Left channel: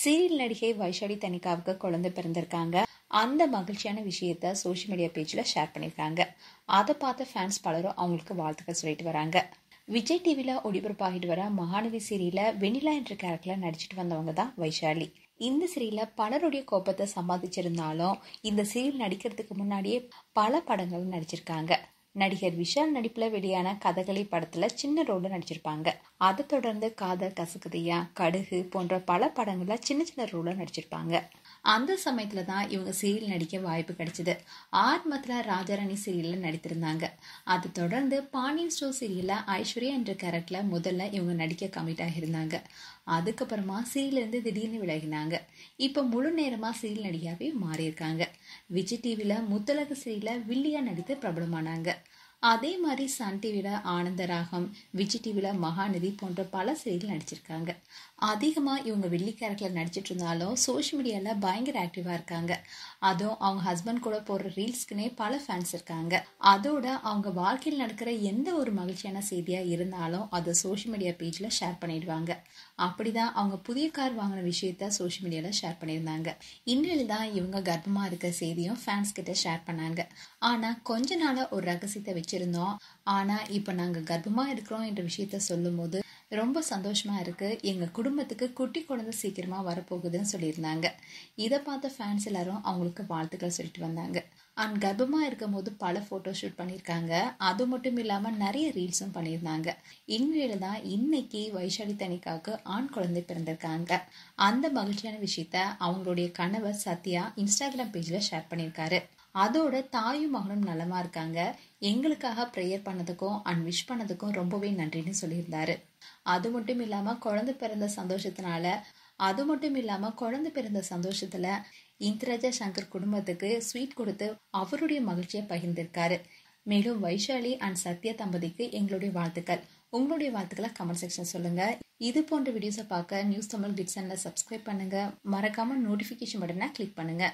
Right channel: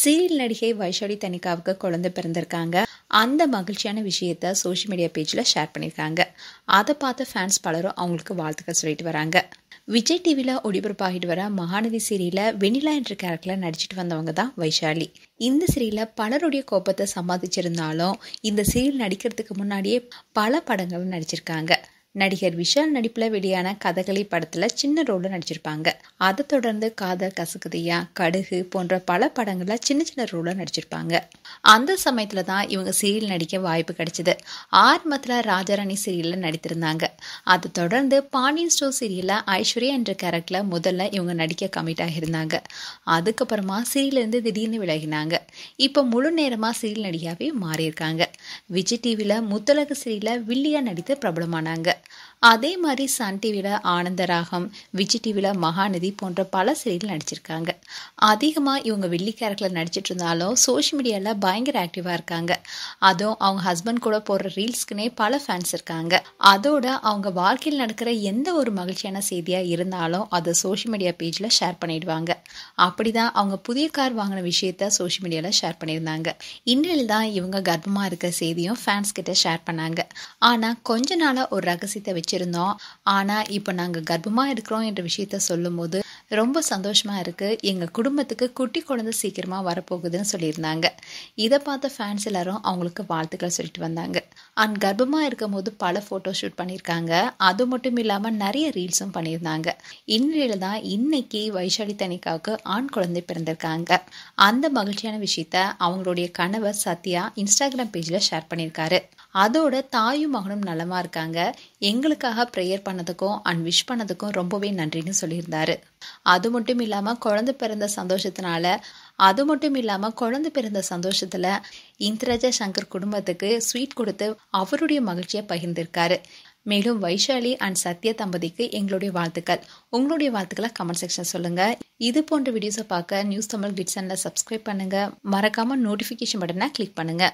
Serial நடிகை வைஷாலி தனிகாவுக்கு குழந்தை பிறந்திருக்காங்க. அந்த மகிழ்ச்சியான விஷயத்த சோஷியல் மீடியா பேஜில் ஷேர் பண்ணியிருக்காங்க. அதை பார்த்த ஃபேன்ஸ் பலரும் அவங்களுக்கு வாழ்த்துக்கள் சொல்லிட்டு வராங்க. விஜய் டிவியில் ஒளிபரப்பாகிட்டு வர மகாநதி சீரியலில் வெண்ணிலா என்ற கேரக்டரில் நடிச்சிட்டு வந்தவங்க தான் வைஷாலி. இந்த சீரியலில் பலருடைய கோபத்தை சம்பாதிச்சிருந்தாலும் இந்த சீரியல் நடிக்கிறதுக்கு முன்னாடியே பல படங்களும் நடிச்சிருக்காங்க. நடிகர் விஷால் நடிப்பில் வெளியான கதகளி படத்தில் சின்ன ரோலில் நடிச்சிருப்பாங்க. அதை தொடர்ந்து காதல் கசக்குதியா, கடுகு போன்ற பல படங்களில் சின்ன சின்ன ரோலில் நடிச்சிருப்பாங்க. அந்த சமயத்தில் தான் இவங்க சீரியல் நடிக்க வாய்ப்பு கிடைச்சிது. ஆரம்பத்தில் ராஜாராணி சீரியலில் நடித்திருந்தாங்க. அதை தொடர்ந்து பாண்டியன் ஸ்டோர் சீரியலில் ஐஸ்வர்யா என்ற கேரக்டரில் முதல்ல இவங்க நடிக்க கமிட் ஆகியிருந்தாங்க. அதுக்கப்புறமா சீரியலேருந்து திடீர்னு விலகினாங்க. இப்போ முழு நேரமாக சீரியல் நடிகாவே மாறியிருக்காங்க. விஜய் டிவியில் முத்தழகு சீரியலில் வில்லியா நடித்து பிரபலமானாங்க. அதே மாதிரி சன் டிவியில் ஆனந்தராகம், விஜய் டிவியில் மகாநதி போன்ற பல சீரியல் நடிச்சிருக்காங்க. அதிகமாக இவங்க வில்லி கேரக்டரில் நடிச்சிட்டு இருந்தாலும் சோஷியல் மீடியாவில் பயங்கர ஆக்டிவாக இருக்காங்க. அதுவும் அவங்க ஹஸ்பண்ட் கூட போடுற ரீல்ஸ்க்குனே பல ஃபேன்ஸ் இருக்காங்க. அதோட அவங்க வாழ்க்கையில் நடக்கிற எந்த ஒரு மகிழ்ச்சியான செய்தியாக இருந்தாலும் அதை சோஷியல் மீடியா பேஜில் ஷேர் பண்ணிடுவாங்க. அப்படிதான் அவங்க புதிய கார் வாங்கின விஷயத்த சோஷியல் மீடியாவில் ஷேர் பண்ணியிருந்தாங்க. இன்றையில் தான் இவங்க கர்ப்பமாக இருக்கிற செய்தியும் ஃபேன்ஸ் கிட்ட ஷேர் பண்ணாங்க. ஆனால் கொஞ்ச நாளாக ஒரு ரகசியத்தை வச்சுருந்தோம். ஆனால் இப்போ நாங்கள் கர்ப்பமாக இருக்கிறோம் என்ற விஷயத்த சொல்லும் போது ரொம்ப சந்தோஷமாக இருக்குது. எங்கள் குடும்பத்துக்கு குட்டி குழந்தை சீக்கிரமாக வரப்போகுதுன்னு சொல்லியிருந்தாங்க. இதை பார்த்த ஃபேன்ஸ் எல்லாரும் அவங்களுக்கு வாழ்த்துக்கள் சொல்லிட்டு வந்தாங்க. அண்ட் கர்ப்பமாக இருக்கும் போது பல ஃபோட்டோ ஷூட் பண்ணியிருக்காங்க. அது மட்டும் இல்லாமல் நிறைய ரீல்ஸும் பண்ணியிருந்தாங்க. இன்றையில் தான் இன்னைக்கு வைஷாலி தனிகாவுக்கு ஆண் குழந்தை பிறந்திருக்காங்க. அந்த மகிழ்ச்சியான விஷயத்த அவங்களுடைய கணவர் சத்யா இன்ஸ்டாகிராம் பேஜில் ஷேர் பண்ணியிருக்காரு. அதோட தாயும் மகனும் நலமா இருக்காங்க. எங்களுக்காக ப்ரேயர் பண்ணதுக்கும் அண்ட் விஷ் பண்ணதுக்கும் ரொம்பவே நன்றின்னு சொல்லியிருந்தாரு. அது மட்டும் இல்லாமல் குழந்தை பிறந்த சந்தோஷத்தில் இந்திரஜா சங்கர் குடும்பத்துக்கு ஸ்வீட் கொடுத்து அவருடைய மகிழ்ச்சியை பகிர்ந்திருக்காரு. மேலும் வைஷாலி அண்ட் சத்யா தம்பதிக்கு எங்களுடைய வாழ்த்துக்கள். உங்களுடைய வாழ்த்துக்களை கமெண்ட் செக்ஷன் சொல்லுங்க. இது போன்ற வீடியோஸை பார்க்க நியூஸ் தமிழ் கிட்ஸ் சேனலை சப்ஸ்கிரைப் பண்ணுங்க. மறக்காம நோட்டிஃபிகேஷன் பட்டனை கிளிக் பண்ணுங்க.